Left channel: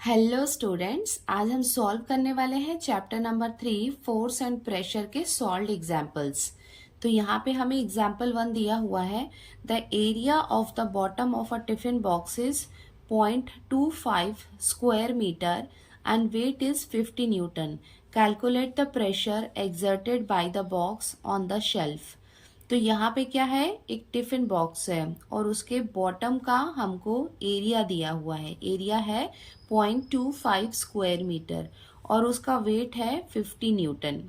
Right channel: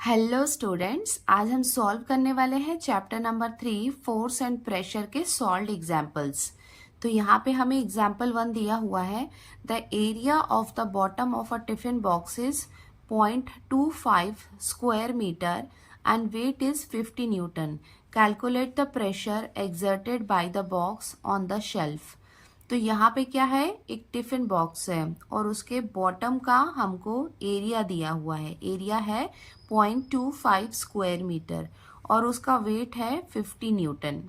Hello students, आज हम solve करने वाले हैं chapter number 3 force and pressure के सॉल्व्ड एग्जांपल्स। तो यहाँ पे हमें एग्जांपल 1 दिया हुआ है। The area of the bottom of a tiffin box is 0.25 square metre and weight is 50 newton. Calculate the pressure exerted by the box on the shelf. तो यहाँ पे क्या है, एक टिफिन बॉक्स है और उसके बॉटम का हमको एरिया दिया हुआ है। एरिया है 0.25 स्क्वायर मीटर और उसका वेट है 50 न्यूटन।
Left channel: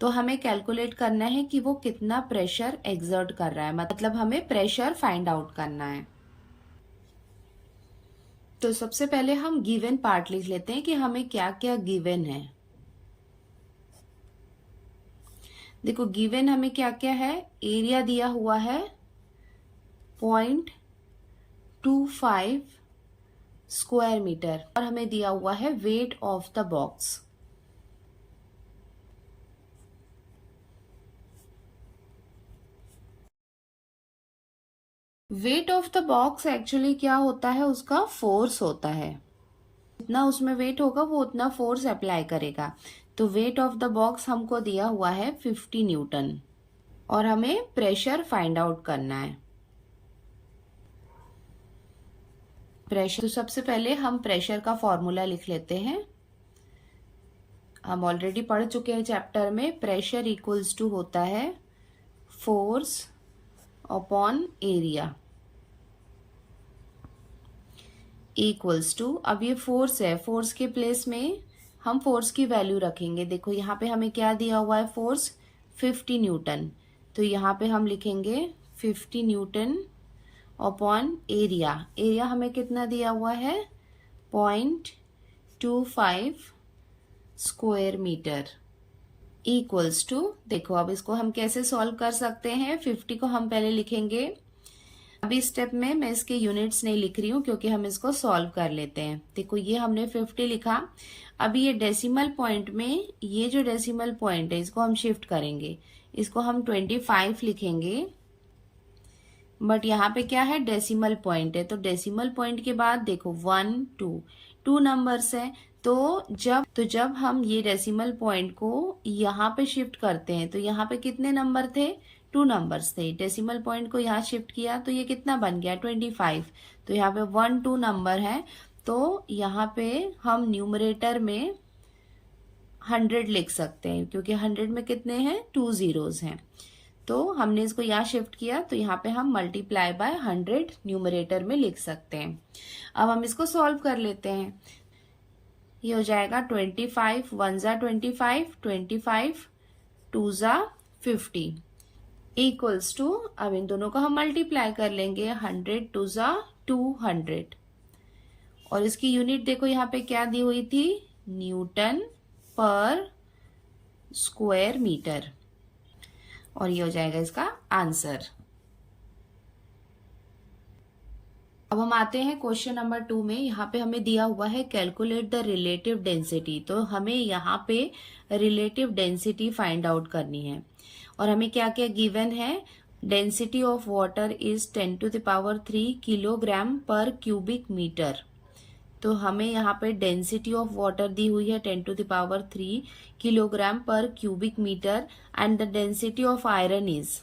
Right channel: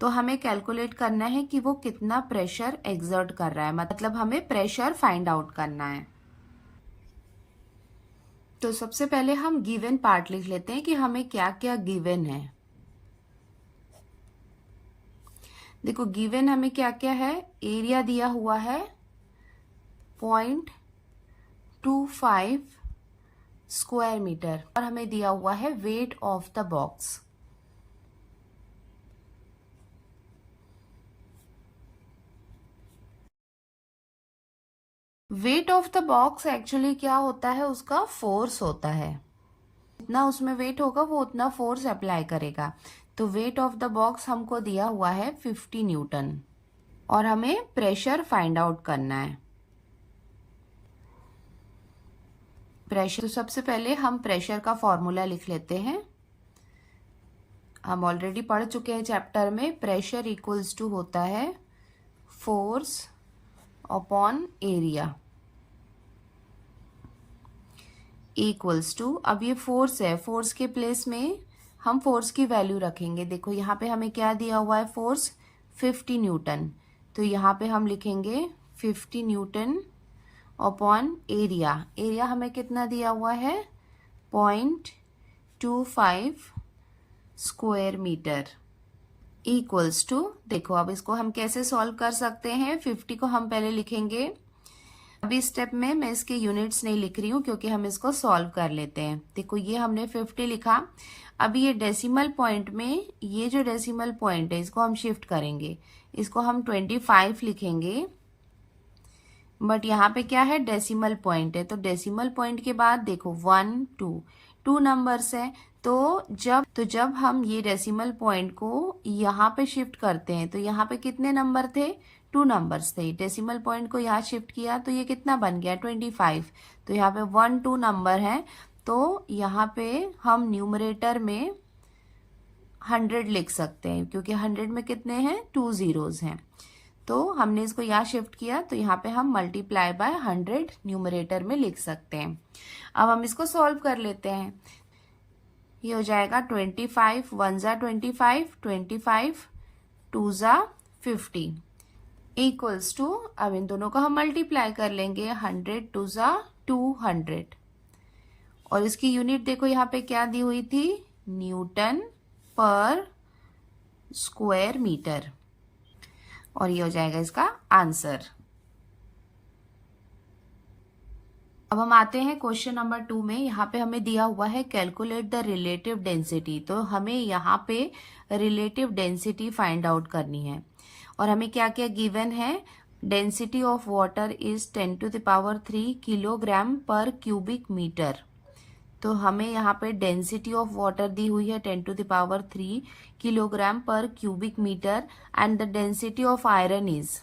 तो हमें कैलकुलेट करना है कि वो कितना प्रेशर एक्सर्ट कर रहा है, मतलब हमें प्रेशर फाइंड आउट करना है। तो सबसे पहले हम गिवन पार्ट लिख लेते हैं कि हमें क्या क्या गिवन है। देखो गिवन हमें क्या क्या है, एरिया दिया हुआ है 0.25 स्क्वायर मीटर और हमें दिया हुआ है wait of the box. Wait of the box actually क्या होता है, उसका फोर्स होता है। जितना उसमें वेट होगा वो उतना फोर्स अप्लाई करेगा। तो वेट ऑफ द बॉक्स हमको दिया हुआ है 50 न्यूटन और हमें प्रेशर फाइंड आउट करना है। प्रेशर, तो सबसे पहले हम प्रेशर का फॉर्मूला लिख लेते हैं। हम ऑलरेडी पढ़ चुके हैं चैप्टर में। प्रेशर इक्वल्स टू होता है force upon area equals to, अब ये फोर्स है, फोर्स के प्लेस में हम फोर्स की वैल्यू रखेंगे। देखो यहाँ पे हमें क्या दिया हुआ है, फोर्स 50 न्यूटन। तो यहाँ पे हम लिखेंगे 50 न्यूटन अपॉन एरिया। एरिया हमें कितना दिया हुआ है, 0.25 स्क्वायर मीटर इक्वल्स टू, देखो अब इसको हम कैसे सॉल्व कर सकते हैं। 50 को हम पहले लिखेंगे। अभी स्टेप में मैं इसके यूनिट्स नहीं लिख रही हूँ क्योंकि हम इसको सॉल्व कर लेते हैं। देखो ये हमने 50 लिखा। अभी ये डेसिमल पॉइंट में, ये जो डेसिमल पॉइंट है इसको हम शिफ्ट करेंगे, इसको हम 25 लिखेंगे। बट यहाँ पे क्या है, डेसिमल पॉइंट है, तो डेसिमल पॉइंट के बाद देखो 1 2 2 नंबर्स है। तो जब हम ये डेसिमल पॉइंट को यहाँ पे शिफ्ट करते हैं तो यहाँ पे कितने नंबर थे, 2 नंबर्स थे। डेसिमल पॉइंट को यहाँ शिफ्ट किया तो ये कितना बन गया, 25। तो यहाँ पे 1 2 नंबर है, तो यहाँ पे हम न्यूमरेटर में 100 लिख सकते हैं क्योंकि 100 में कितने हैं, 2 जीरोस हैं। तो हमने इसको यहाँ शिफ्ट किया तो यहाँ पे हम मल्टीप्लाई बाय 100 न्यूमरेटर में लिख सकते हैं। अब हम इसको सॉल्व कर लेते हैं। ये हो जाएगा 25 1 जा 25, 25 2 जा 50 इक्वल्स टू, अब इन दोनों को हम मल्टीप्लाई कर लेंगे, 100 2 जा 200 और इसकी यूनिट देखो यहाँ पे क्या दी हुई थी, न्यूटन पर स्क्वायर मीटर, और ये हो जाएगा इसका आंसर। अब हम आते हैं क्वेश्चन नंबर 2 में। यहाँ पे हमें दिया हुआ है कैलकुलेट द रिलेटिव डेंसिटी। तो हमें यहाँ पे रिलेटिव डेंसिटी फाइंड आउट करनी है और हमें क्या क्या गिवन है। Density of water is 10⁻³ kilogram पर क्यूबिक मीटर। तो हमें यहाँ पे डेंसिटी ऑफ वाटर दी हुई है 10⁻³ किलोग्राम पर cubic metre and the density of iron is,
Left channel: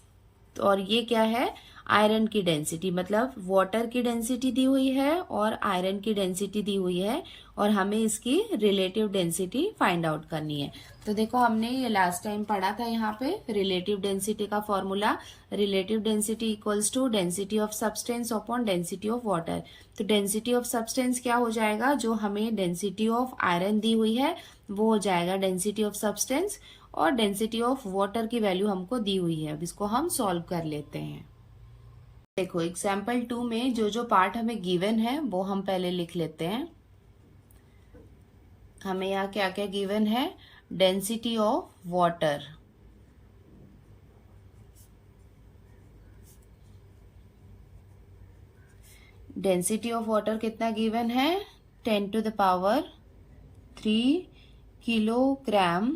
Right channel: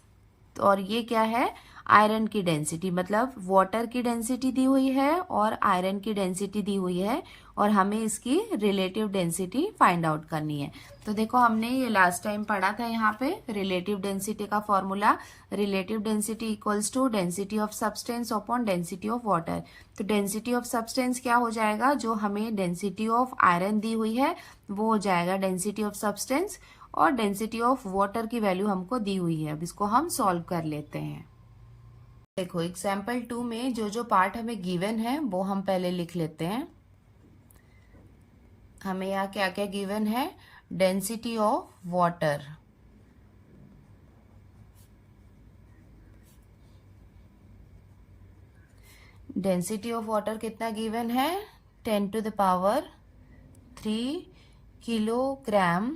और ये क्या है, आयरन की डेंसिटी, मतलब वाटर की डेंसिटी दी हुई है और आयरन की डेंसिटी दी हुई है और हमें इसकी रिलेटिव डेंसिटी फाइंड आउट करनी है। तो देखो हमने ये लास्ट टाइम पढ़ा था यहाँ पे रिलेटिव डेंसिटी का formula. Relative density equals to density of substance upon density of water. तो डेंसिटी ऑफ सब्सटेंस क्या हो जाएगा, जो हमें डेंसिटी ऑफ आयरन दी हुई है वो हो जाएगा डेंसिटी ऑफ सब्सटेंस, और डेंसिटी ऑफ वाटर की वैल्यू हमको दी हुई है। अब इसको हम सॉल्व कर लेते हैं। देखो एग्जाम्पल 2 में जो जो पार्ट हमें गिवन है वो हम पहले लिख लेते हैं। हमें यहाँ क्या क्या गिवन है, density of water, density of water कितना गिवन है, 10⁻³ किलोग्राम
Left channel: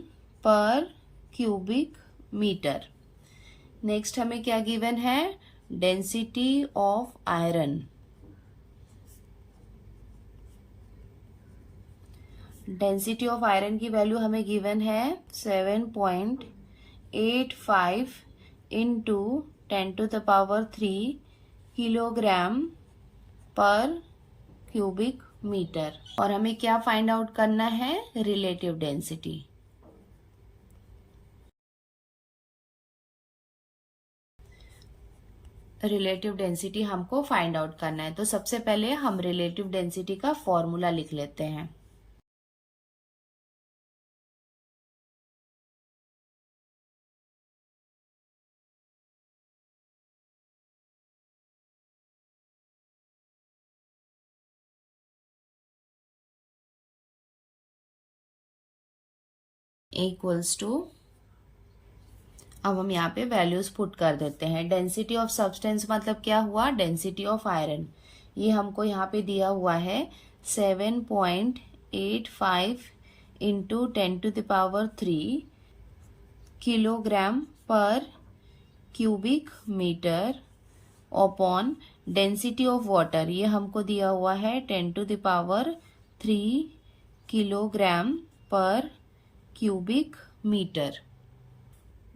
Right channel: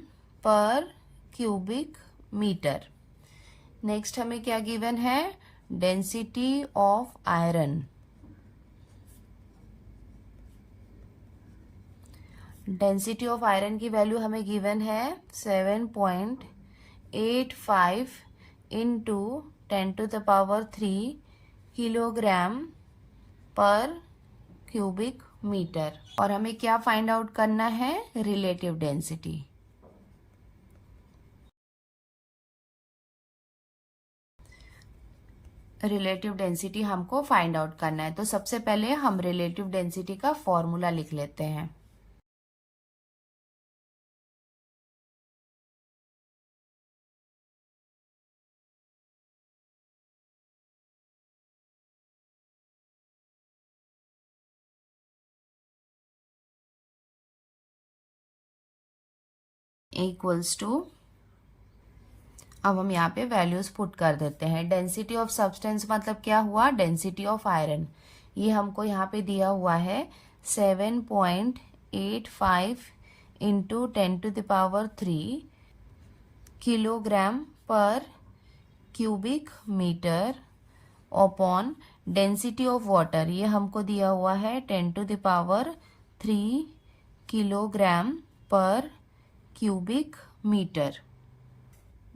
पर क्यूबिक मीटर। नेक्स्ट हमें क्या गिवन है, density of iron, density of iron की वैल्यू हमें गिवन है 7.85 इंटू 10⁻³ किलोग्राम पर क्यूबिक मीटर। और हमें क्या फाइंड आउट करना है? Relative density. रिलेटिव डेंसिटी हमको फाइंड आउट करना है, तो सबसे पहले हम रिलेटिव डेंसिटी का फॉर्मूला लिख लेते हैं। इक्वल्स टू, अब हम यहाँ पे वैल्यूज पुट कर देते हैं। डेंसिटी ऑफ सब्सटेंस मतलब क्या हुआ? Density of iron. ये हमको यहाँ पे दिया हुआ है 7.85 इंटू 10⁻³ किलोग्राम पर cubic metre upon density of water, ये हमको दिया हुआ है 10⁻³ किलोग्राम पर क्यूबिक मीटर।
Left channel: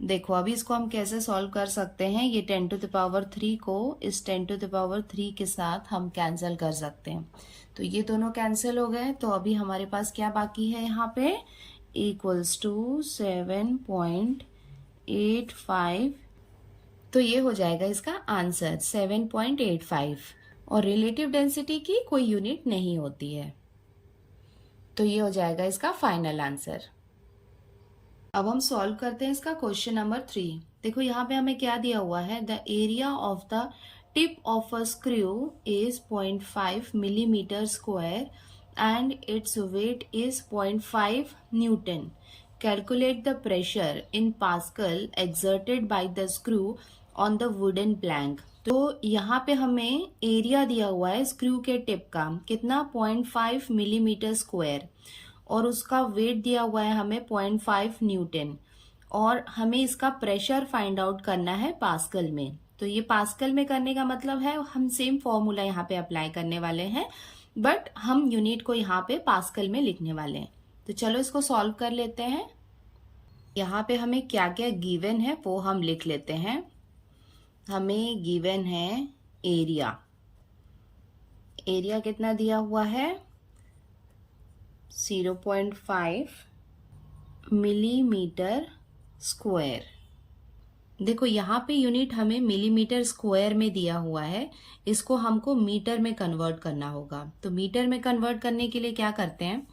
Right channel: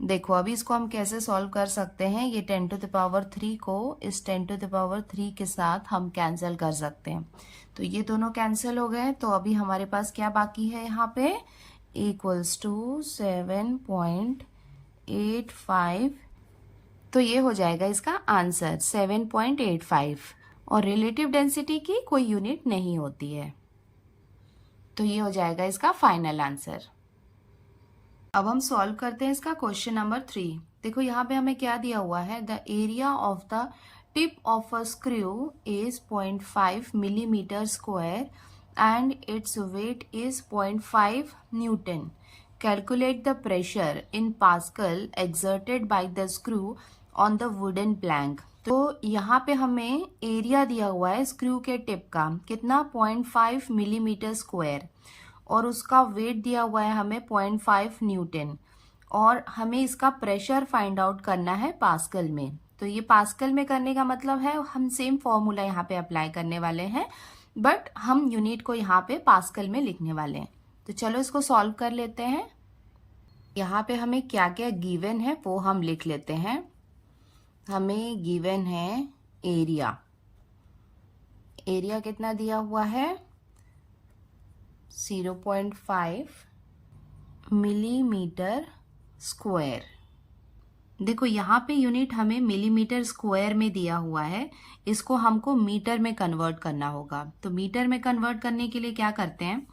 देखो अभी इसको हम कैसे सॉल्व कर सकते हैं। ये 10⁻³ को इस 10⁻³ के साथ हम कैंसिल कर सकते हैं, तो ये दोनों कैंसिल हो गए। तो अभी हमारे पास क्या बाकी है यहाँ पे? इक्वल्स टू 7.85, तो ये हो जाएगा इसका आंसर 7.85। और रिलेटिव डेंसिटी की कोई यूनिट नहीं होती है, तो ये हो जाएगा इसका फाइनल आंसर। अब हम सॉल्व करते हैं इसका क्वेश्चन नंबर 3। देखो यहाँ पे हमें क्या दिया हुआ है? The area of the tip of a screw is 0.5 millimetre square and its weight is 0.5 Newton. Calculate the pressure in pascal exerted by the screw on the wooden plank. तो यहाँ पे हमें एरिया दिया हुआ है स्क्रू के tip का, कितना? 0.5 मिलीमीटर स्क्वायर, और उसका वेट दिया हुआ है हमें 0.5 न्यूटन, और हमें इसका प्रेशर फाइंड आउट करना है पास्कल में। तो ये पास्कल में करने का मतलब है हम सेम फॉर्मूला यहाँ पे अप्लाई करने वाले हैं, बट हम यूनिट को यहाँ पे पास्कल में लिखने वाले हैं। तो चलो इसको सॉल्व कर लेते हैं। यहाँ पे हमें क्या क्या गिवन है वो हम लिख लेते हैं। हमें गिवन है एरिया। एरिया कितना दिया हुआ है? 0.5 मिलीमीटर स्क्वायर। देखो यहाँ पे यूनिट हमें मिलीमीटर स्क्वायर में दिया हुआ है, इसको हमको मीटर में कन्वर्ट करना होगा। तो मीटर में कन्वर्ट करने के लिए क्या करते हैं?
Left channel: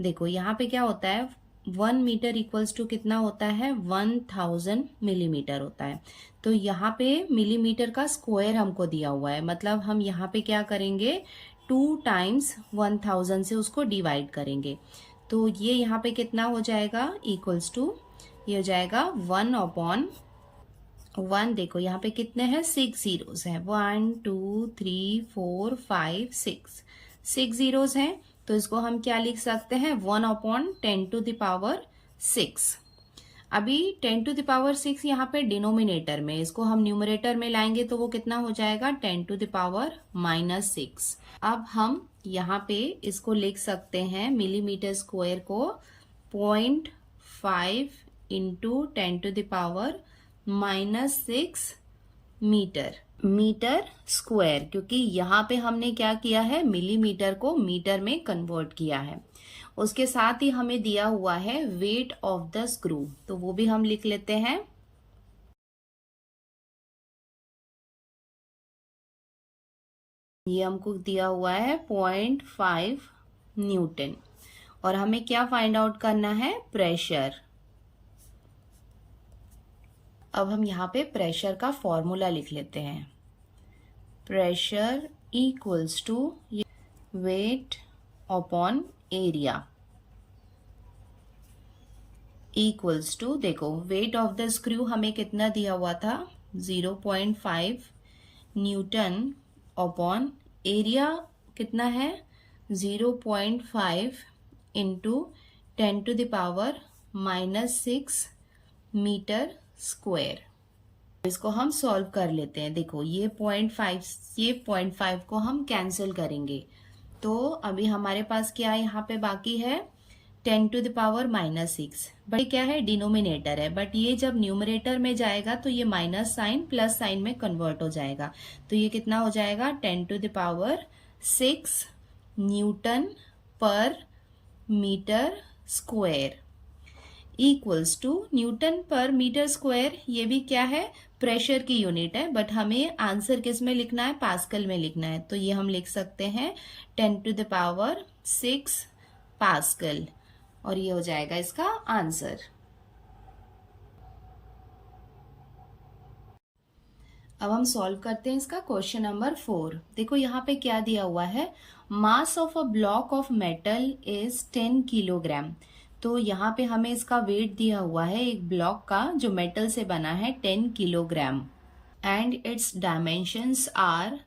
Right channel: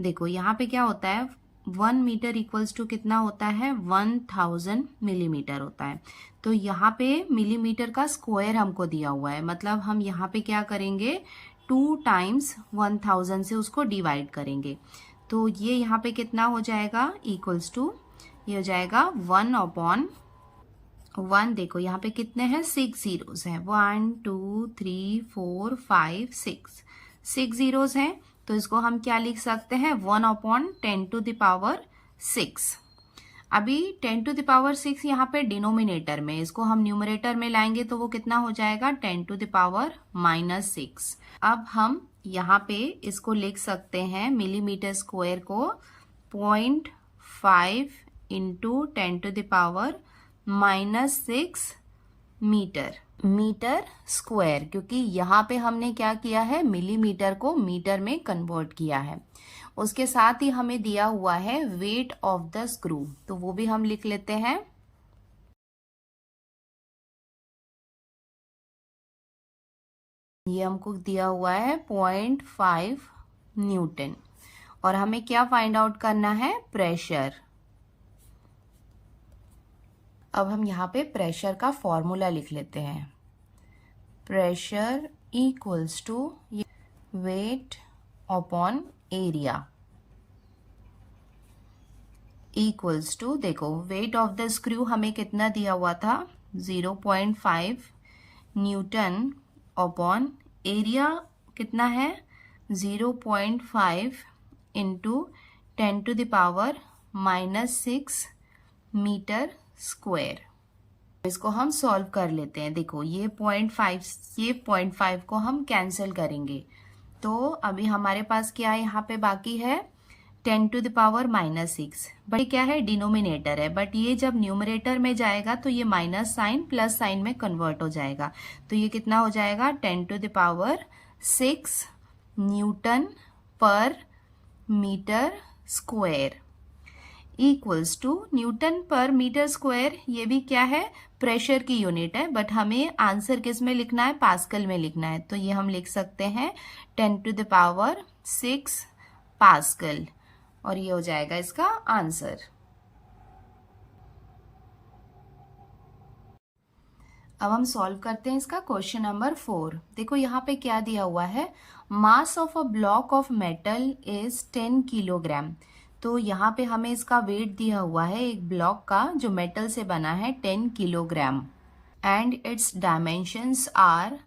देखो यहाँ पे क्या होता है, 1 मीटर इक्वल्स टू कितना होता है? 1000 मिलीमीटर होता है। तो यहाँ पे मिलीमीटर का स्क्वायर हमको दिया हुआ है, मतलब हम यहाँ पे क्या करेंगे? 2 टाइम्स 1000 से उसको डिवाइड करेंगे। तो ये यहाँ पे कितना हो जाएगा? इक्वल्स टू, ये हो जाएगा 1/1। देखो यहाँ पे कितने हैं? 6 जीरोस हैं। 1 2 3 4 5 6 जीरोस हैं। तो इसको हम क्या लिख सकते हैं? 1/10⁻6। अभी 10⁻6 यहाँ पे डिनोमिनेटर में, इसको हम न्यूमरेटर में लाएंगे तो वो कितना हो जाएगा? 10⁻⁻6। अब हम यहाँ पे इसको लिख सकते हैं मिलीमीटर स्क्वायर को 0.5 इंटू 10⁻⁻6 मीटर स्क्वायर, क्योंकि यहाँ पे हमने क्या किया है? मिलीमीटर को मीटर में कन्वर्ट किया है। उसके साथ ही हमें दिया हुआ है वेट ऑफ द स्क्रू, तो वो भी हम लिख लेते हैं। ये हमको दिया हुआ है 0.5 न्यूटन, और हमें क्या फाइंड आउट करना है? प्रेशर। अब हम यहाँ पे प्रेशर का फॉर्मूला लिख लेते हैं। Pressure equals to weight upon area equals to, देखो वेट ऑफ द स्क्रू हमें कितना दिया हुआ था? 0.5 न्यूटन अपॉन एरिया कितना है? 0.5 इंटू 10⁻⁻6 मीटर स्क्वायर। इसको हम सॉल्व कर लेते हैं। देखो ये 0.5 को हम कैंसिल करेंगे, तो अभी हमारे पास क्या यहाँ पे बाकी है? 10 टू द पावर -6, बट क्या है, डिनोमिनेटर है, बट ये जब न्यूमरेटर में जाएगा तो ये माइनस साइन प्लस साइन में कन्वर्ट हो जाएगा, तो ये कितना हो जाएगा, 10 टू द पावर 6 न्यूटन पर metre square equals to, newton पर मीटर स्क्वायर ये भी क्या है, प्रेशर की यूनिट है, बट हमें आंसर किस में लिखना है, पास्कल में लिखना है, तो ये हम लिख सकते हैं 10 टू द पावर 6 पास्कल, और ये हो जाएगा इसका आंसर। अब हम सॉल्व करते हैं इसका क्वेश्चन नंबर 4। देखो यहाँ पे क्या दिया हुआ है, mass of a block of metal is 10 kilogram. तो यहाँ पे हमें इसका वेट दिया हुआ है एक ब्लॉक का जो मेटल से बना है 10 kilogram, and it's dimensions are,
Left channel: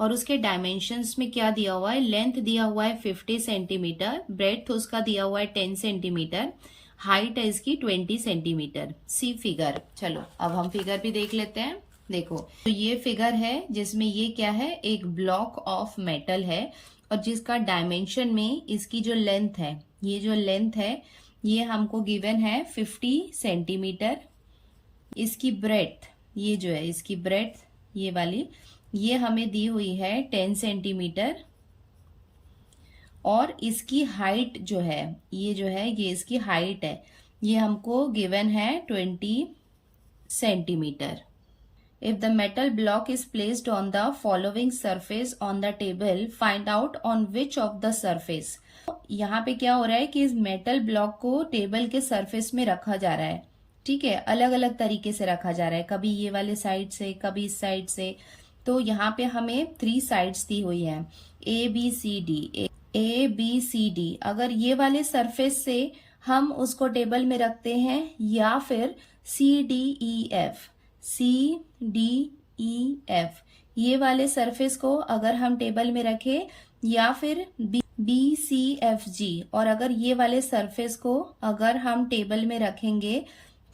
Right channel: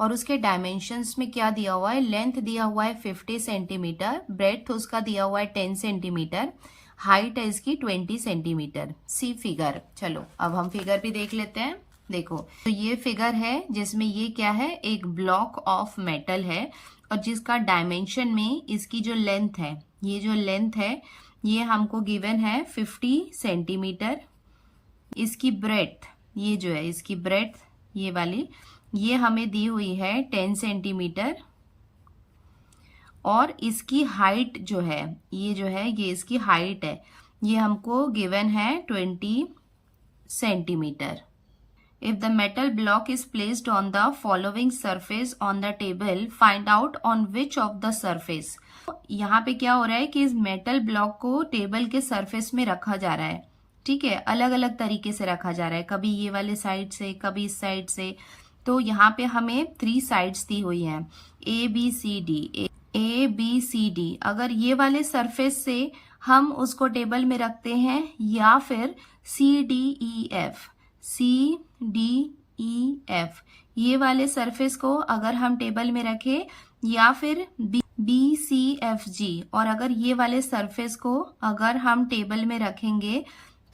और उसके डायमेंशंस में क्या दिया हुआ है, लेंथ दिया हुआ है 50 सेंटीमीटर, ब्रेड्थ उसका दिया हुआ है 10 सेंटीमीटर, हाइट है इसकी 20 सेंटीमीटर। सी फिगर। चलो अब हम फिगर भी देख लेते हैं। देखो तो ये फिगर है जिसमें ये क्या है, एक ब्लॉक ऑफ मेटल है, और जिसका डायमेंशन में इसकी जो लेंथ है, ये जो लेंथ है ये हमको गिवन है 50 सेंटीमीटर, इसकी ब्रेड्थ, ये जो है इसकी ब्रेड्थ ये वाली, ये हमें दी हुई है 10 सेंटीमीटर, और इसकी हाइट जो है, ये जो है ये इसकी हाइट है, ये हमको गिवन है 20 centimetre. If the metal block is placed on the following surface on the table, find out on which of the surface। यहाँ पे क्या हो रहा है कि इस मेटल ब्लॉक को टेबल के सरफेस में रखा जा रहा है, ठीक है, अलग अलग तरीके से रखा जा रहा है, कभी ये वाले साइड से, कभी इस साइड से। तो यहाँ पे हमें 3 साइड्स दी हुई हैं, A B C D। अगर ये वाले सरफेस से हम उसको टेबल में रखते हैं, या फिर C D E F ये वाले सरफेस को अगर हम टेबल में रखें, या फिर BCFG, और अगर ये वाले सरफेस को अगर हम टेबल में रखेंगे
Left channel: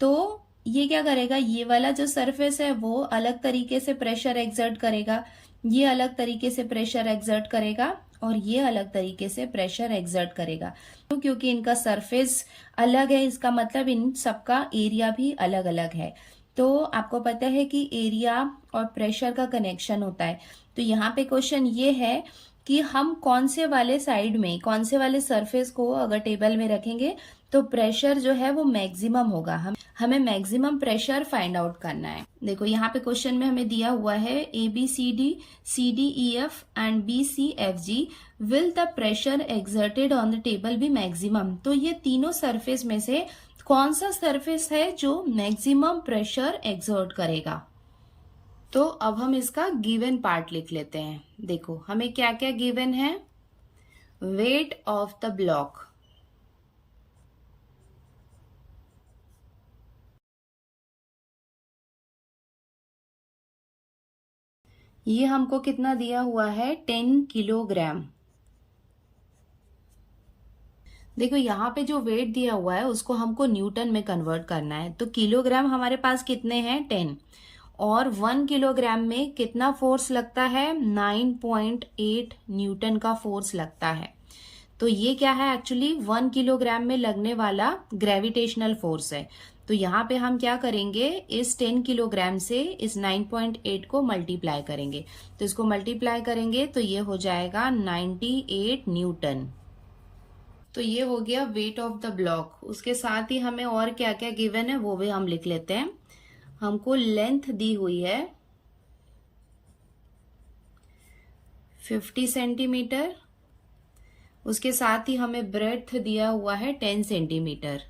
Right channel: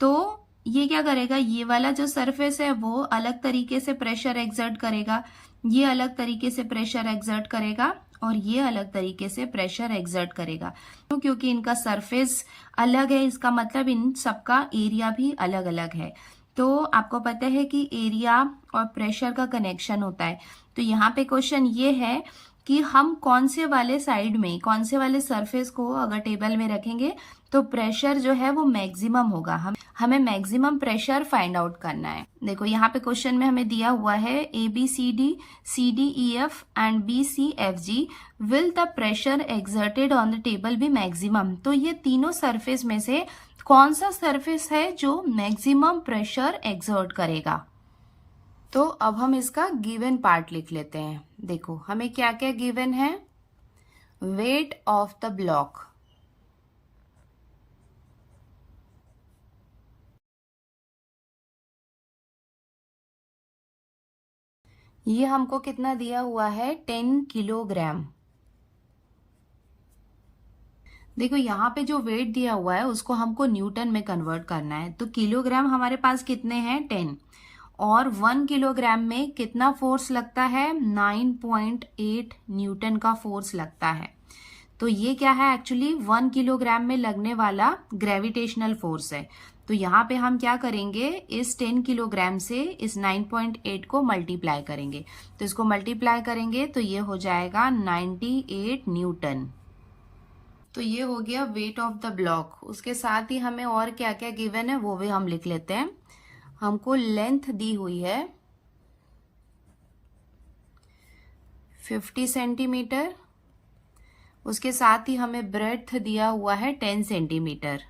तो ये क्या करेगा, ये वाला जो सरफेस है वो अलग तरीके से प्रेशर एक्सर्ट करेगा, ये अलग तरीके से प्रेशर एक्सर्ट करेगा, और ये अलग तरीके से प्रेशर एक्सर्ट करेगा। तो क्योंकि इनका सरफेस अलग है, इसका मतलब इन सबका एरिया भी अलग अलग है। तो आपको पता है कि एरिया और प्रेशर का कनेक्शन होता है। तो यहाँ पे क्वेश्चन ये है कि हम कौन से वाले साइड में, कौन से वाले सरफेस को अगर टेबल में रखेंगे तो प्रेशर जो है वो मैक्सिमम होगा। हमें मैक्सिमम प्रेशर फाइंड आउट करना है। देखो यहाँ पे क्वेश्चन में हमें दिया हुआ है ABCD, CDEF and BCFG will the pressure exerted on the table be maximum. तो ये तीनों सरफेस में से कौन सा सरफेस है जो मैक्सिमम प्रेशर एक्सर्ट करेगा। तो अब हम इसका गिवन पार्ट लिख लेते हैं। देखो हमें क्या क्या गिवन है, वेट ऑफ द ब्लॉक, ये हमको कितना दिया हुआ है 10 किलोग्राम। देखो यहाँ पे जो वेट दिया हुआ है उसको हमको न्यूटन में कन्वर्ट करना है। तो किलोग्राम हमारे पास कितने हैं 10, और 1 किलोग्राम में कितना फोर्स लगता है 9.8 न्यूटन का फोर्स लगता है। तो ये क्या है एक्चुअली 1 किलोग्राम में लगने वाला ग्रेविटेशनल फोर्स है। तो यहाँ पे हम क्या करेंगे, इस 10 किलोग्राम से इस 9.8 को मल्टीप्लाई करेंगे। तो इसको मल्टीप्लाई करेंगे तो ये हो जाएगा 98 न्यूटन। तो ये हो गया वेट ऑफ द ब्लॉक। उसके साथ ही हमें और क्या क्या गिवन है वो भी हम लिख लेते हैं। हमको लेंथ दी हुई है 50 सेंटीमीटर, उसके साथ ही हमें ब्रेड्थ दिया हुआ है 10 सेंटीमीटर,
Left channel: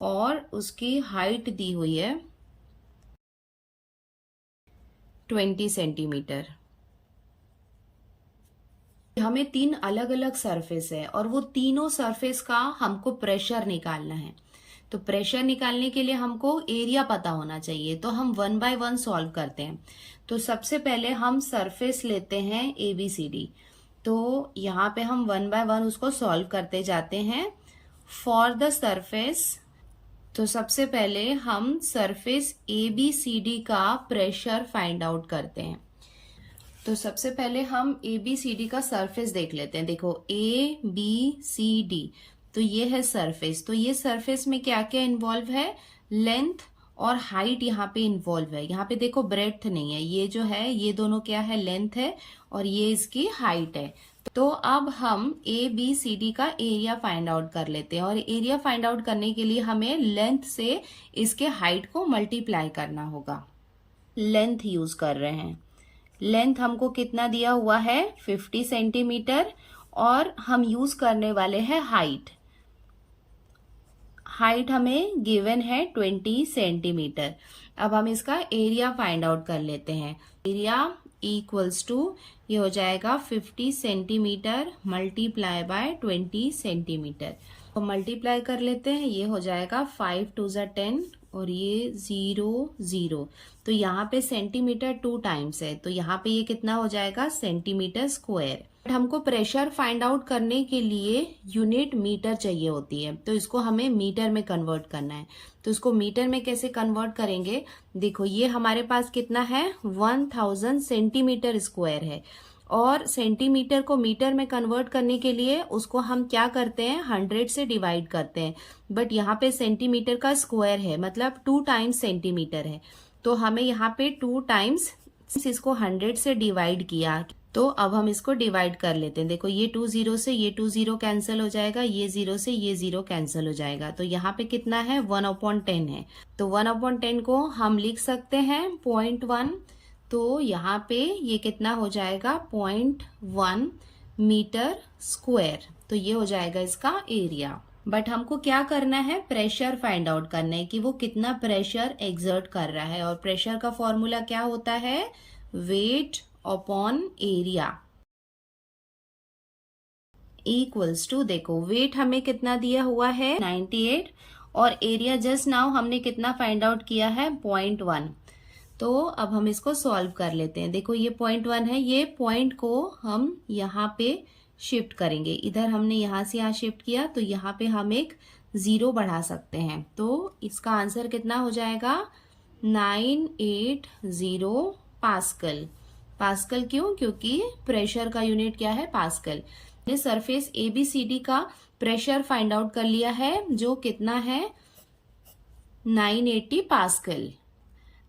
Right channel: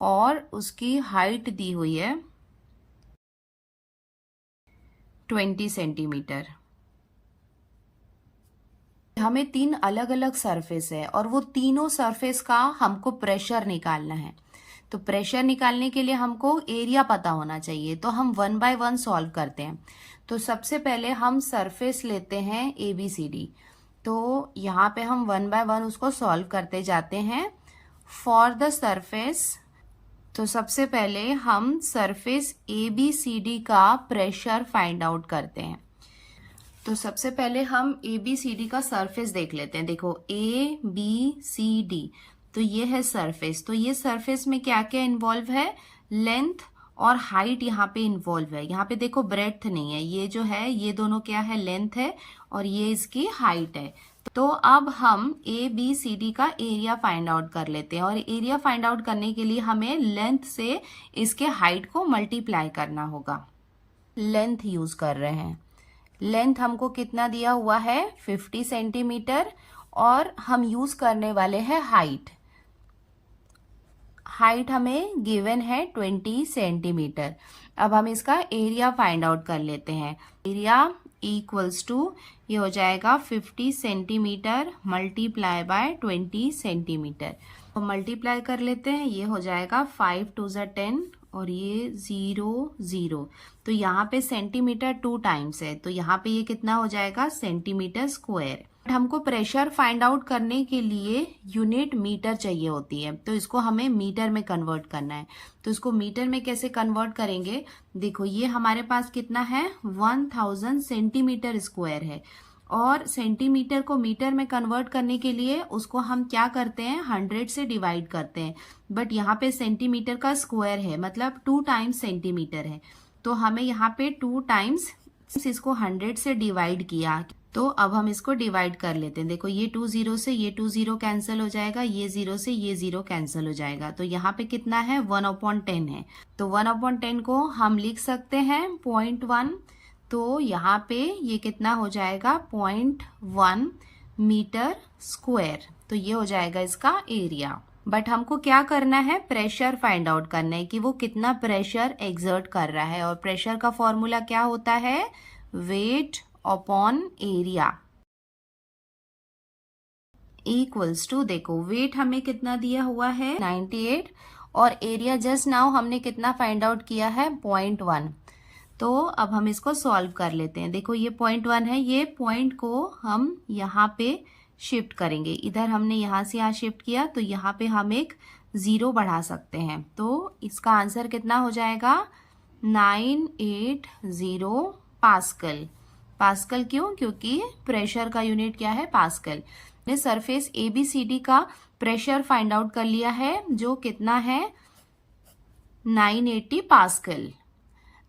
और उसकी हाइट दी हुई है 20 सेंटीमीटर। हमें 3 अलग अलग सरफेस है और वो तीनों सरफेस का हमको प्रेशर निकालना है। तो प्रेशर निकालने के लिए हमको एरिया पता होना चाहिए। तो हम 1 बाय 1 सॉल्व करते हैं। तो सबसे पहले हम सरफेस लेते हैं ABCD। तो यहाँ पे हम 1 बाय 1 उसको सॉल्व करते जाते हैं। फॉर द सरफेस, तो सबसे पहले हम सरफेस ABCD का प्रेशर फाइंड आउट करते हैं। तो सबसे पहले हम ABCD का सरफेस देख लेते हैं। देखो ABCD, तो ये है सरफेस। तो ये सरफेस में क्या क्या इन्वॉल्व है, लेंथ और हाइट यहाँ पे इन्वॉल्व है। यहाँ पे देखो ब्रेड्थ नहीं है, ये जो है ये दोनों क्या है, लेंथ है और ये इसकी हाइट है। तो अब हम ABCD का एरिया फाइंड आउट कर लेते हैं, और एरिया फाइंड आउट करने के लिए हमें लेंथ से इसके हाइट को मल्टीप्लाई करना होगा। लेंथ यूज कर रहे हैं। लेंथ हमको कितना दिया हुआ है, 50 सेंटीमीटर, और हम यूज करने वाले हैं हाइट। हाइट हमें गिवन है 20 सेंटीमीटर। अब हम इसका एरिया फाइंड आउट कर लेते हैं। एरिया इक्वल्स टू, ये हो जाएगा 50 सेंटीमीटर मल्टीप्लाई बाय 20 सेंटीमीटर। तो मल्टीप्लाई कर लेते हैं, ये हो जाएगा 5 2 ज़ा 10 और ये 0 0। तो यहाँ पे सेंटीमीटर 2 टाइम्स है, तो यहाँ पे ये कितना हो जाएगा, सेंटीमीटर स्क्वायर। हमको प्रेशर फाइंड आउट करने के लिए यूनिट मीटर चाहिए होती है, तो इसको हमें मीटर में कन्वर्ट करना है। तो इसको मीटर में कैसे कन्वर्ट करेंगे, देखो ये हमारे पास कितना है, 1000 सेंटीमीटर स्क्वायर है, और सेंटीमीटर को मीटर में कन्वर्ट करने के लिए उसको हम क्या करते हैं, 100 से डिवाइड करते हैं। बट यहाँ पे सेंटीमीटर का स्क्वायर है, मतलब 2 टाइम्स सेंटीमीटर है, तो हमें यहाँ पे 2 टाइम्स इसको 100 से डिवाइड किया। तो अब हम इसको डिवाइड कर लेते हैं। देखो ये 2 0 से ये 2 0 कैंसिल हो जाएगा, ये 0 से ये 0 कैंसिल हो जाएगा। तो यहाँ पे कितना है, 1/10 है। तो 1/10 को हम लिख सकते हैं 0.1। तो यहाँ पे ये कितना हो जाएगा, 0.1 मीटर स्क्वायर। तो ये हो जाएगा इसका एरिया। बट हमको क्या करना है, प्रेशर फाइंड आउट करना है कि वो कितना प्रेशर एक्सर्ट कर रहा है। और प्रेशर का फॉर्मूला क्या होता है, weight upon area equals to, देखो वेट हमें कितना दिया हुआ है, 98, और एरिया जस्ट नाउ हमने कितना फाइंड आउट किया है, 0.1। तो अब हम इसको सॉल्व कर लेते हैं। देखो ये 0.1 है, ये पॉइंट को हम यहाँ पे शिफ्ट करेंगे। इधर हमने यहाँ से यहाँ शिफ्ट किया, तो यहाँ पे हम एक 0 बढ़ा सकते हैं। तो इसका आंसर कितना हो जाएगा, 980 पास्कल। पास्कल क्यों, क्योंकि प्रेशर का यूनिट क्या है, पास्कल। ने सरफेस ABCD का प्रेशर फाइंड आउट कर लिया है, जो कितना है, 980 पास्कल।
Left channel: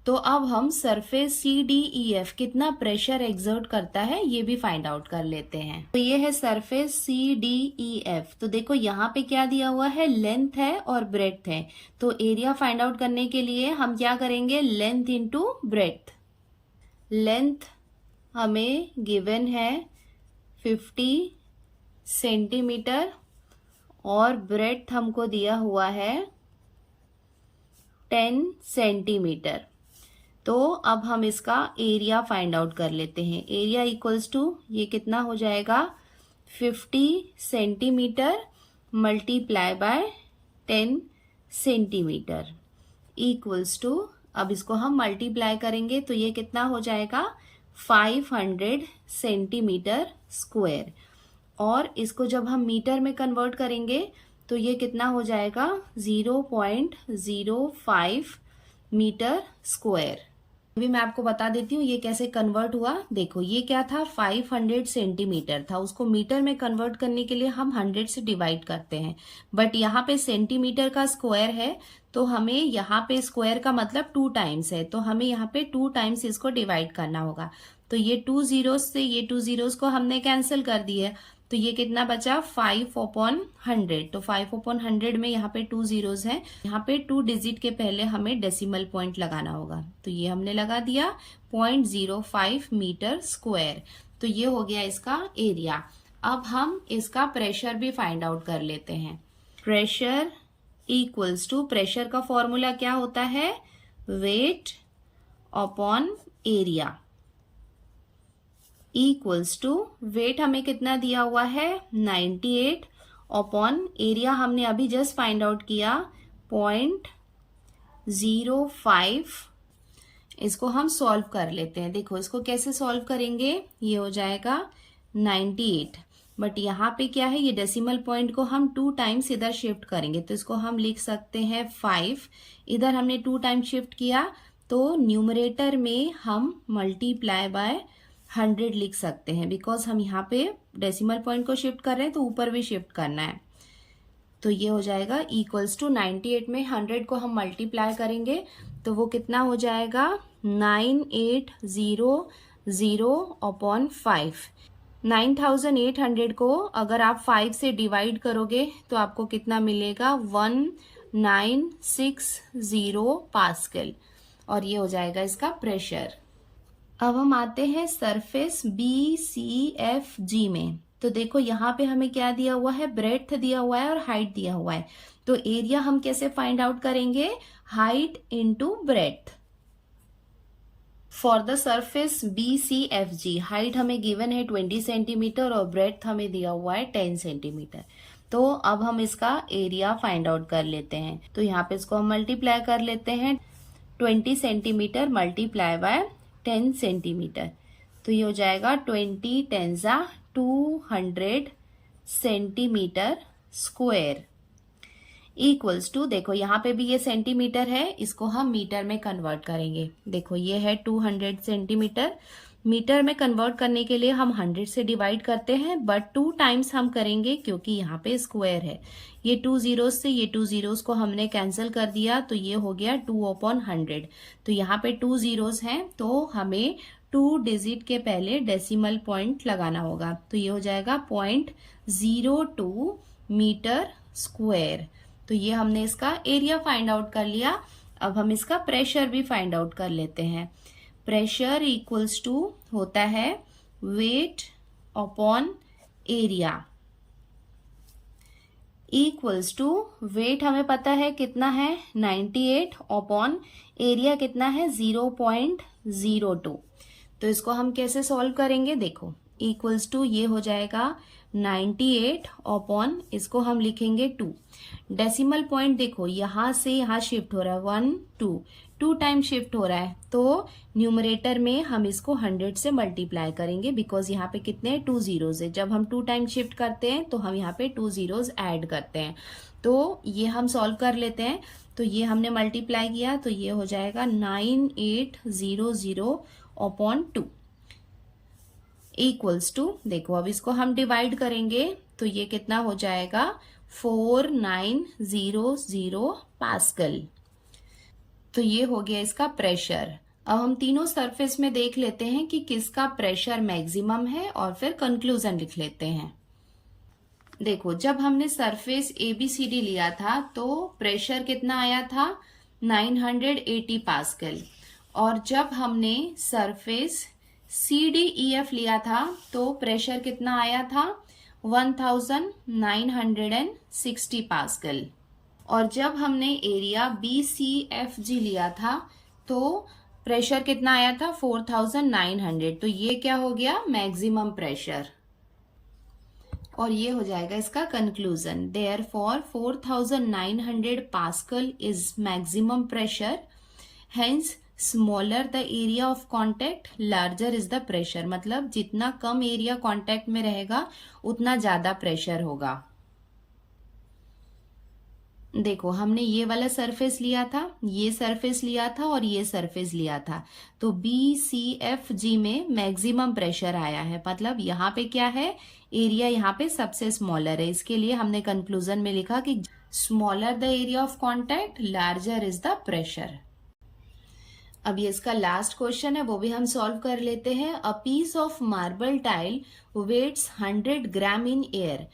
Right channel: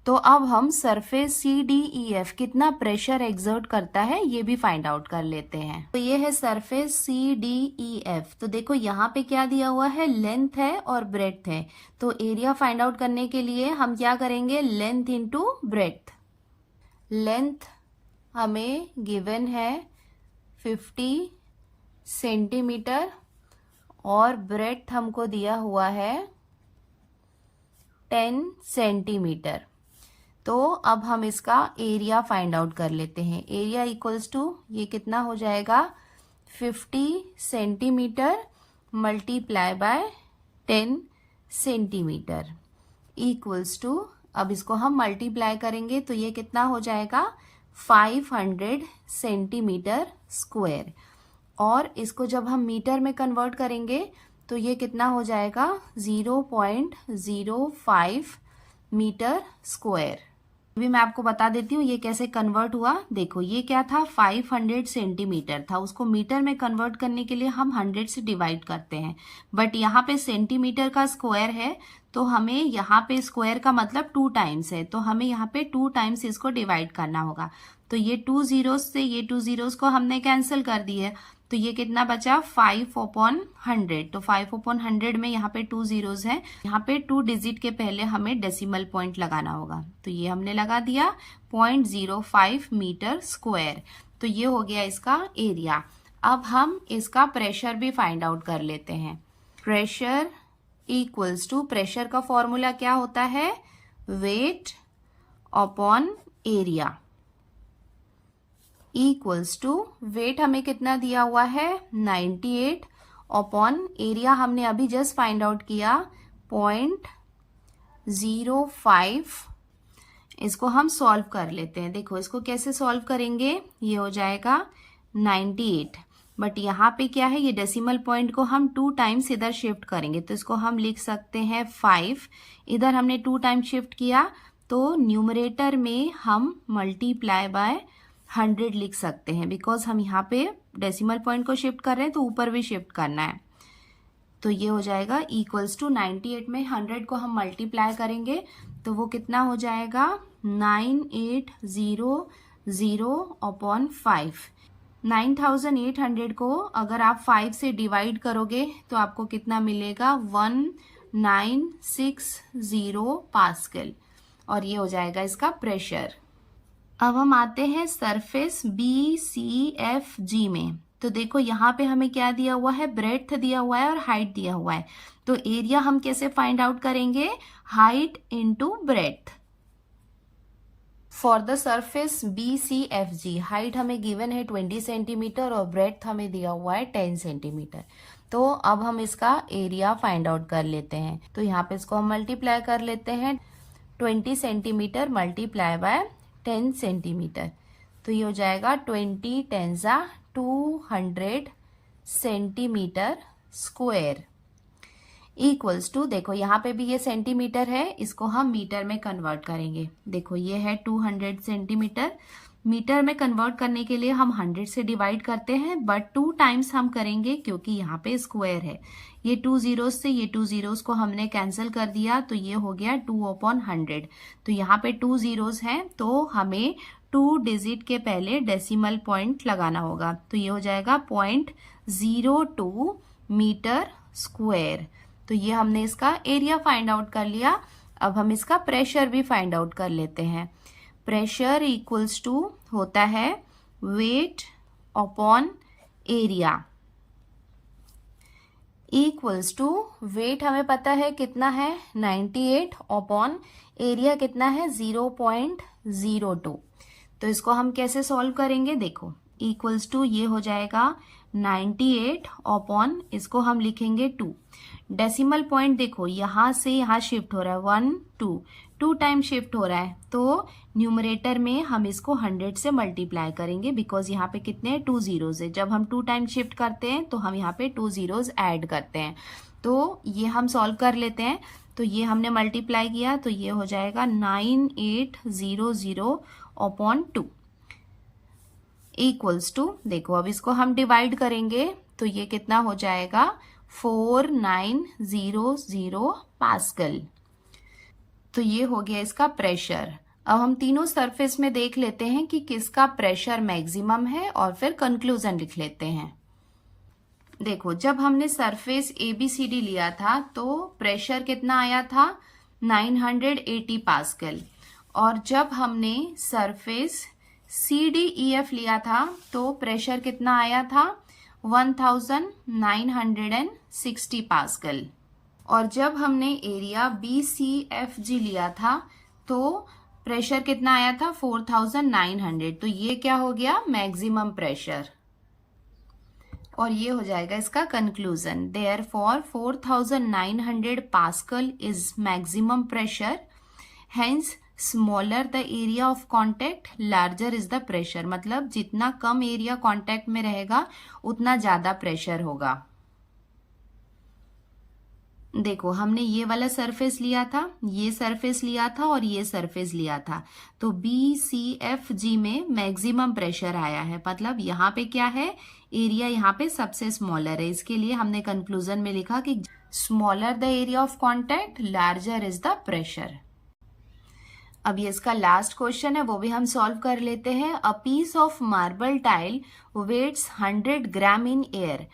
तो अब हम सरफेस CDEF कितना प्रेशर एक्सर्ट करता है ये भी फाइंड आउट कर लेते हैं। तो ये है सरफेस CDEF। तो देखो यहाँ पे क्या दिया हुआ है, लेंथ है और ब्रेड्थ है। तो एरिया फाइंड आउट करने के लिए हम क्या करेंगे, लेंथ इंटू ब्रेड्थ। लेंथ हमें गिवन है 50 सेंटीमीटर और ब्रेड्थ हमको दिया हुआ है 10 सेंटीमीटर। तो अब हम इसका एरिया फाइंड आउट कर लेते हैं। एरिया इक्वल्स टू, ये कितना हो जाएगा, 50 centimetre multiply by 10 centimetre equals to, अब इसको हम मल्टीप्लाई करेंगे तो ये कितना हो जाएगा, 500 सेंटीमीटर स्क्वायर। और इसको जब हम मीटर में कन्वर्ट करेंगे तो ये कितना हो जाएगा, 0.05 मीटर स्क्वायर। अभी मैं आपको बता देती हूँ ये कैसे कन्वर्ट हुआ। देखो ये क्या था, 500 सेंटीमीटर था, उसको मीटर में कन्वर्ट करने के लिए हम 100 से डिवाइड करते हैं। बट यहाँ पे सेंटीमीटर का स्क्वायर है, तो हमें यहाँ पे स्क्वायर का मतलब 2 टाइम्स है, तो हमें यहाँ पे 2 टाइम्स इसको डिवाइड करना होगा। तो ये 2 zeros से ये 2 zeros को हमने कैंसिल कर दिए, तो ये कितना बचा, 5/100। तो 5/100 में यहाँ पे 2 zeros हैं, यहाँ पे 2 डिजिट के पहले हमें डेसिमल पॉइंट लगाना होगा। तो ये हमने लगा दिया 0.05 मीटर स्क्वायर। तो ये हो गया इसका एरिया। अब हम इसका प्रेशर भी फाइंड आउट कर लेते हैं। प्रेशर इक्वल्स टू, प्रेशर का फॉर्मूला क्या होता है, weight upon area equals to, weight हमें कितना दिया हुआ है, 98 अपॉन एरिया हमने अभी जस्ट फाइंड आउट किया 0.05। इसको हम सॉल्व कर लेते हैं। देखो इसको कैसे सॉल्व करेंगे, ये हो जाएगा 98, बट यहाँ पे क्या है, ये डेसिमल पॉइंट को हम 2 टाइम्स इधर शिफ्ट करेंगे, तो इसको हम लिख सकते हैं 5। इधर हमने 2 टाइम शिफ्ट किया, तो न्यूमरेटर में हम मल्टीप्लाई बाय 100 लिख सकते हैं, बिकॉज हम यहाँ पे डेसिमल पॉइंट को शिफ्ट कर रहे हैं तो ऊपर भी शिफ्ट करना है। तो ये हो जाएगा इक्वल्स टू 98 में 100 को हम मल्टीप्लाई करेंगे तो वो कितना हो जाएगा 9800/5। 9800 को अगर आप 5 से डिवाइड करोगे तो आपको कितना मिलेगा 1960 पास्कल, और ये हो जाएगा इसका प्रेशर। अब हम आते हैं सरफेस BCFG में। तो देखो यहाँ पे हमें क्या दिया हुआ है, ब्रेड्थ दिया हुआ है और हाइट दिया हुआ है। तो एरिया हम कैसे फाइंड आउट करेंगे, height into breadth. For the surface BCFG height हमें गिवन है 20 सेंटीमीटर और ब्रेड्थ हमें दिया हुआ है 10 सेंटीमीटर। तो अब हम इसका एरिया फाइंड आउट कर लेते हैं। तो यहाँ पे इसको हम मल्टीप्लाई कर लेते हैं, 20 सेंटीमीटर मल्टीप्लाई बाय 10 सेंटीमीटर। तो ये हो जाएगा 20 10 200 सेंटीमीटर स्क्वायर इक्वल्स टू, देखो यहाँ पे भी ये सेंटीमीटर है, इसको हम मीटर में कन्वर्ट करेंगे। देखो ये है 200 सेंटीमीटर, मीटर में कन्वर्ट करने के लिए हम 100 से डिवाइड करते हैं, बट 2 टाइम्स हम करेंगे क्योंकि यहाँ पे स्क्वायर है। ये 2 जीरोस से ये 2 जीरोस को हमने कैंसिल कर दिया तो ये हो गया 2/100। तो यहाँ पे 2 जीरोस हैं तो हमें 2 डिजिट के पहले डेसिमल पॉइंट लगाना होगा। तो ये हो जाएगा 0.02 मीटर स्क्वायर। तो ये हमने इसका एरिया फाइंड आउट कर लिया। अब हम इसका प्रेशर भी फाइंड आउट कर लेते हैं। प्रेशर इक्वल्स टू होता है weight upon area equals to, weight हमें पता है कितना है 98 अपॉन एरिया कितना है 0.02। तो इसको हम कैसे सॉल्व करेंगे, देखो इक्वल्स टू ये हो जाएगा 98 अपॉन, इसको हम लिखेंगे 2। डेसिमल पॉइंट देखो यहाँ से यहाँ शिफ्ट हो रहा है 1 2 टाइम शिफ्ट हो रहा है, तो न्यूमरेटर में हम इसको 100 से मल्टीप्लाई करेंगे बिकॉज यहाँ पे कितने 2 जीरोज है। जब हम 2 टाइम शिफ्ट करते हैं तो हम यहाँ पे 2 जीरोज ऐड करते हैं। तो ये हम सॉल्व कर लेते हैं। तो ये हमने मल्टीप्लाई किया तो ये हो जाएगा 9800 अपॉन 2 इक्वल्स टू, देखो अब इसको हम डिवाइड करेंगे तो ये कितना हो जाएगा 4900 पास्कल। तो ये हो गया इसका प्रेशर। अब हम तीनों सरफेस में देख लेते हैं कि किसका प्रेशर मैक्सिमम है और फिर कंक्लूजन लिख लेते हैं। देखो जब हमने सरफेस ABCD लिया था तो प्रेशर कितना आया था 980 पास्कल, और जब हमने सरफेस CDEF लिया था तो प्रेशर कितना आया था 1960 पास्कल, और जब हमने एरिया BCFG लिया था तो प्रेशर कितना आया था 4900। तो ये क्या हो गया मैक्सिमम प्रेशर, और ये हो जाएगा इसका conclusion. Therefore 4900 pascal is maximum pressure, hence smaller the area of contact larger is the pressure. मतलब जितना कम एरिया कॉन्टेक्ट में रहेगा उतना ज्यादा प्रेशर होगा। देखो हमने ये वाला सरफेस लिया था, ये सरफेस लिया था और ये सरफेस लिया था, तो BCFG में मैक्सिमम प्रेशर आया है। मतलब यहाँ पे क्या है, एरिया यहाँ पे सबसे स्मॉलर है, इसके लिए हमने कंक्लूजन में लिखा कि smaller the area of contact larger is the pressure. अब ये इसका लास्ट क्वेश्चन है, वो भी हम सॉल्व कर लेते हैं। A piece of marble tile weighs 100 gram in air.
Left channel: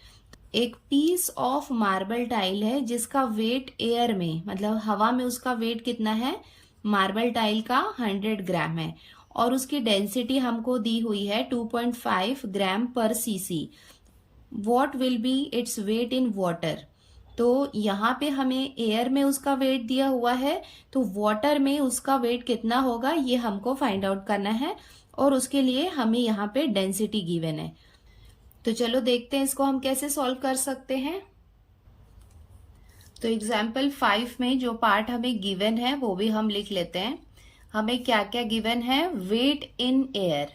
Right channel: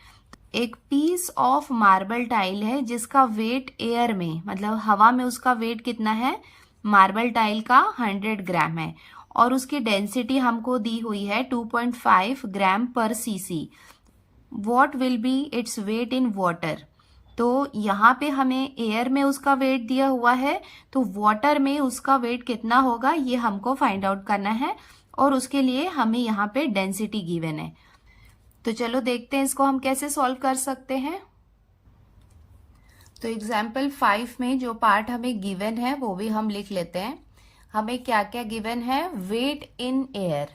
एक पीस ऑफ मार्बल टाइल है जिसका वेट एयर में, मतलब हवा में उसका वेट कितना है, मार्बल टाइल का 100 ग्राम है, और उसकी डेंसिटी हमको दी हुई है 2.5 ग्राम पर CC. What will be its weight in water. तो यहाँ पे हमें एयर में उसका वेट दिया हुआ है, तो वाटर में उसका वेट कितना होगा ये हमको फाइंड आउट करना है, और उसके लिए हमें यहाँ पे डेंसिटी गिवन है। तो चलो देखते हैं इसको हम कैसे सॉल्व कर सकते हैं। तो एग्जाम्पल 5 में जो पार्ट हमें गिवन है वो भी हम लिख लेते हैं। हमें क्या क्या गिवन है, वेट इन एयर,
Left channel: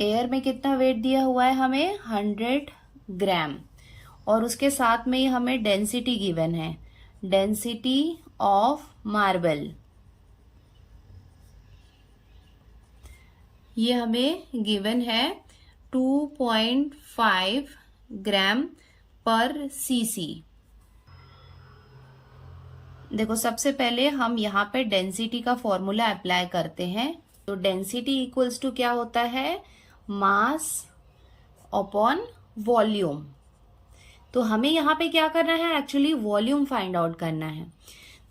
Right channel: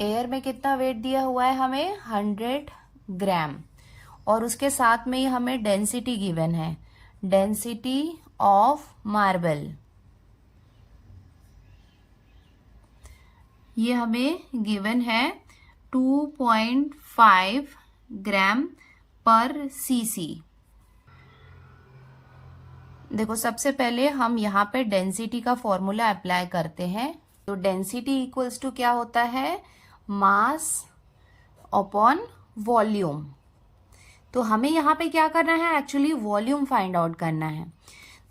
एयर में कितना वेट दिया हुआ है हमें 100 ग्राम, और उसके साथ में हमें डेंसिटी गिवन है, डेंसिटी ऑफ मार्बल, ये हमें गिवन है 2.5 ग्राम पर सीसी। देखो सबसे पहले हम यहाँ पे डेंसिटी का फॉर्मूला अप्लाई करते हैं। तो डेंसिटी इक्वल्स टू क्या होता है, मास अपॉन वॉल्यूम। तो हमें यहाँ पे क्या करना है, एक्चुअली वॉल्यूम फाइंड आउट करना है।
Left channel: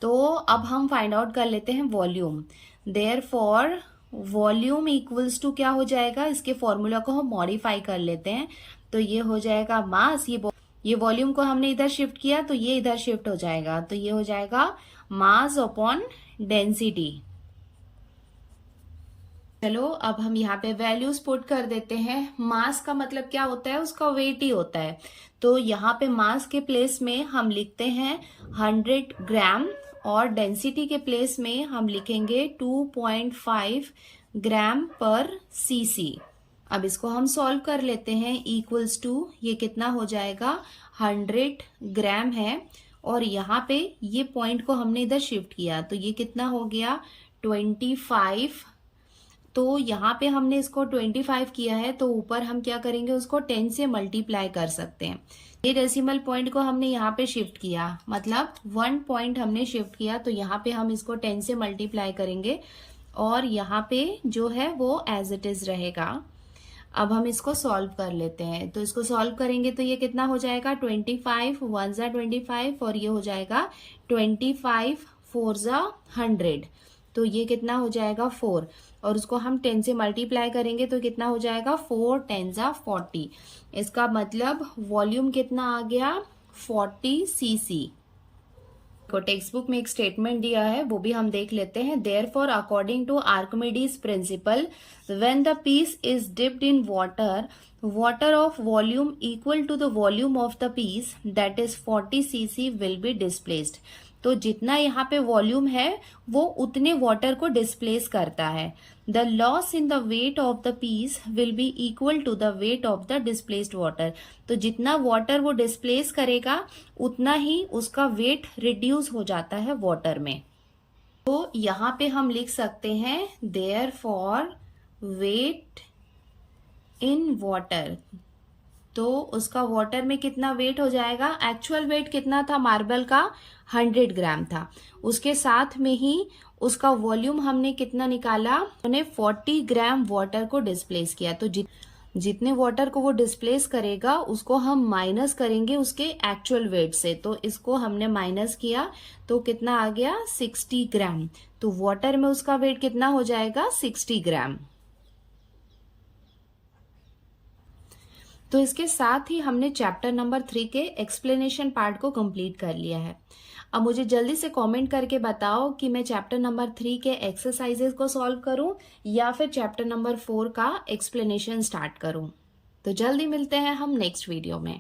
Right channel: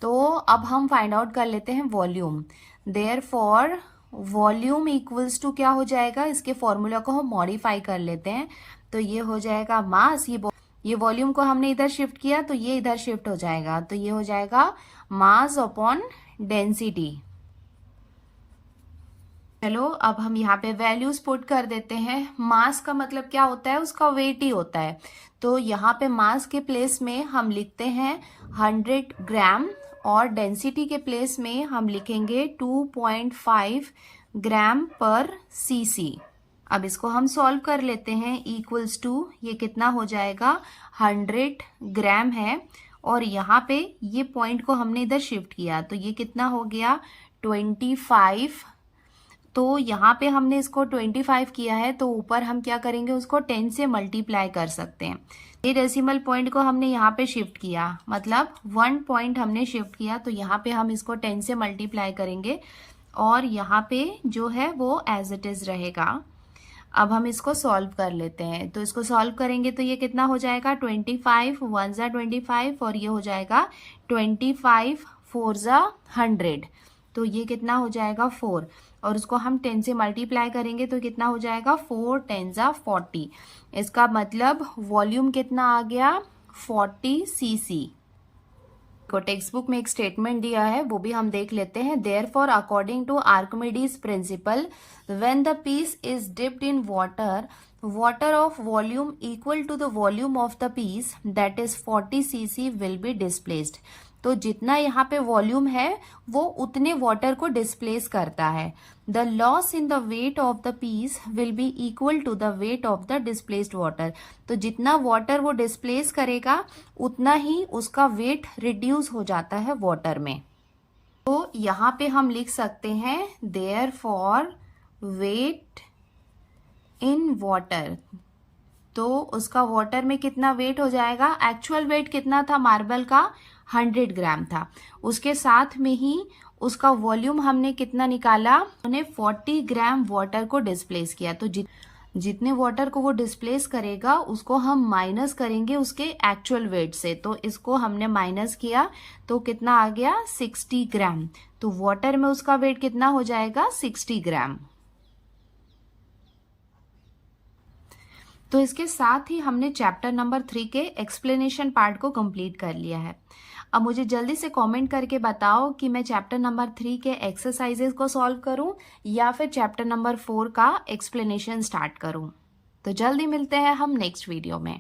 तो अब हम फाइंड आउट कर लेते हैं volume. Therefore volume equals to क्या हो जाएगा, इसके फॉर्मूला को हम मॉडिफाई कर लेते हैं। तो ये हो जाएगा मास, ये वॉल्यूम को हमने इधर शिफ्ट किया तो ये इधर शिफ्ट हो जाएगा, तो ये हो जाएगा मास अपॉन डेंसिटी। चलो अब हम यहाँ पे वैल्यूज पुट कर देते हैं। मास का मतलब क्या होता है, उसका वेट ही होता है। तो यहाँ पे मास के प्लेस में हम लिखते हैं 100 ग्राम और डेंसिटी के प्लेस में हम लिखेंगे 2.5 ग्राम पर सीसी। अब इसको हम सॉल्व कर लेते हैं। इक्वल्स टू ये कितना हो जाएगा, 100 ग्राम है और यहाँ पे ये पॉइंट को हमने इधर शिफ्ट किया तो ये कितना हो गया 25। तो यहाँ पे हमने इसको 25 किया है तो ऊपर हम क्या करेंगे, उसको 10 से मल्टीप्लाई कर सकते हैं। ये डेसिमल पॉइंट को हमने यहाँ पे शिफ्ट किया, मतलब 1 पॉइंट हमने शिफ्ट किया, तो यहाँ पे हम इसको 10 से मल्टीप्लाई करेंगे और यहाँ पे जो है वो एज इट इज रहेगा। अब हम इसको सॉल्व कर लेते हैं। तो इसको सॉल्व करेंगे तो ये कितना हो जाएगा, 25 1 जा 25 और ये हो जाएगा 25 4 जा 100, तो ये कितना हो जाएगा 4 और उसको हम 10 से मल्टीप्लाई करेंगे तो कितना हो जाएगा 4 10 जा 40। इसका मतलब वॉल्यूम कितना आ गया 40 सीसी। को टेक्स्ट बुक में एक स्टेटमेंट दिया है वो भी हम देख लेते हैं। Therefore according to Archimedes principle, when the piece is dipped in water of volume equal to the volume of the piece, that is 40 cc will be displaced। तो जितना यहाँ पे वॉल्यूम है वो उतने वाटर को डिस्प्लेस करता है। The loss in the weight of the piece will be equal to the weight of the displaced water. तो जितना वाटर वो डिस्प्लेस करेगा उतना ही उसका वेट रिड्यूस हो जाता है वाटर में। तो यहाँ पे हम लिख सकते हैं देयरफॉर वेट इन वाटर, तो उसका वाटर में कितना वेट हो जाएगा, एक्चुअल वेट कितना था मार्बल का 100 ग्राम था, उसके साथ में ही उसका वॉल्यूम हमने कितना निकाला, उन्हें 40 ग्राम वाटर को डिस्प्लेस किया। तो जितने वाटर को वो डिस्प्लेस करेगा उसको हम माइनस करेंगे उसके एक्चुअल वेट से। तो इसको हमने माइनस किया तो कितना आ गया 60 ग्राम। तो वाटर में उसका वेट कितना हो जाएगा 60 ग्राम। तो इसके साथ ही हमने चैप्टर नंबर 3 के एक्सप्लेनेशन पार्ट को कंप्लीट कर लिया है। अब मुझे जल्दी से कमेंट करके बताओ कि मैं चैप्टर नंबर 3 के एक्सरसाइजेस को सॉल्व करूं या फिर चैप्टर नंबर 4 का एक्सप्लेनेशन स्टार्ट करूं। तो जल्दी मिलते हैं हम नेक्स्ट वीडियो में।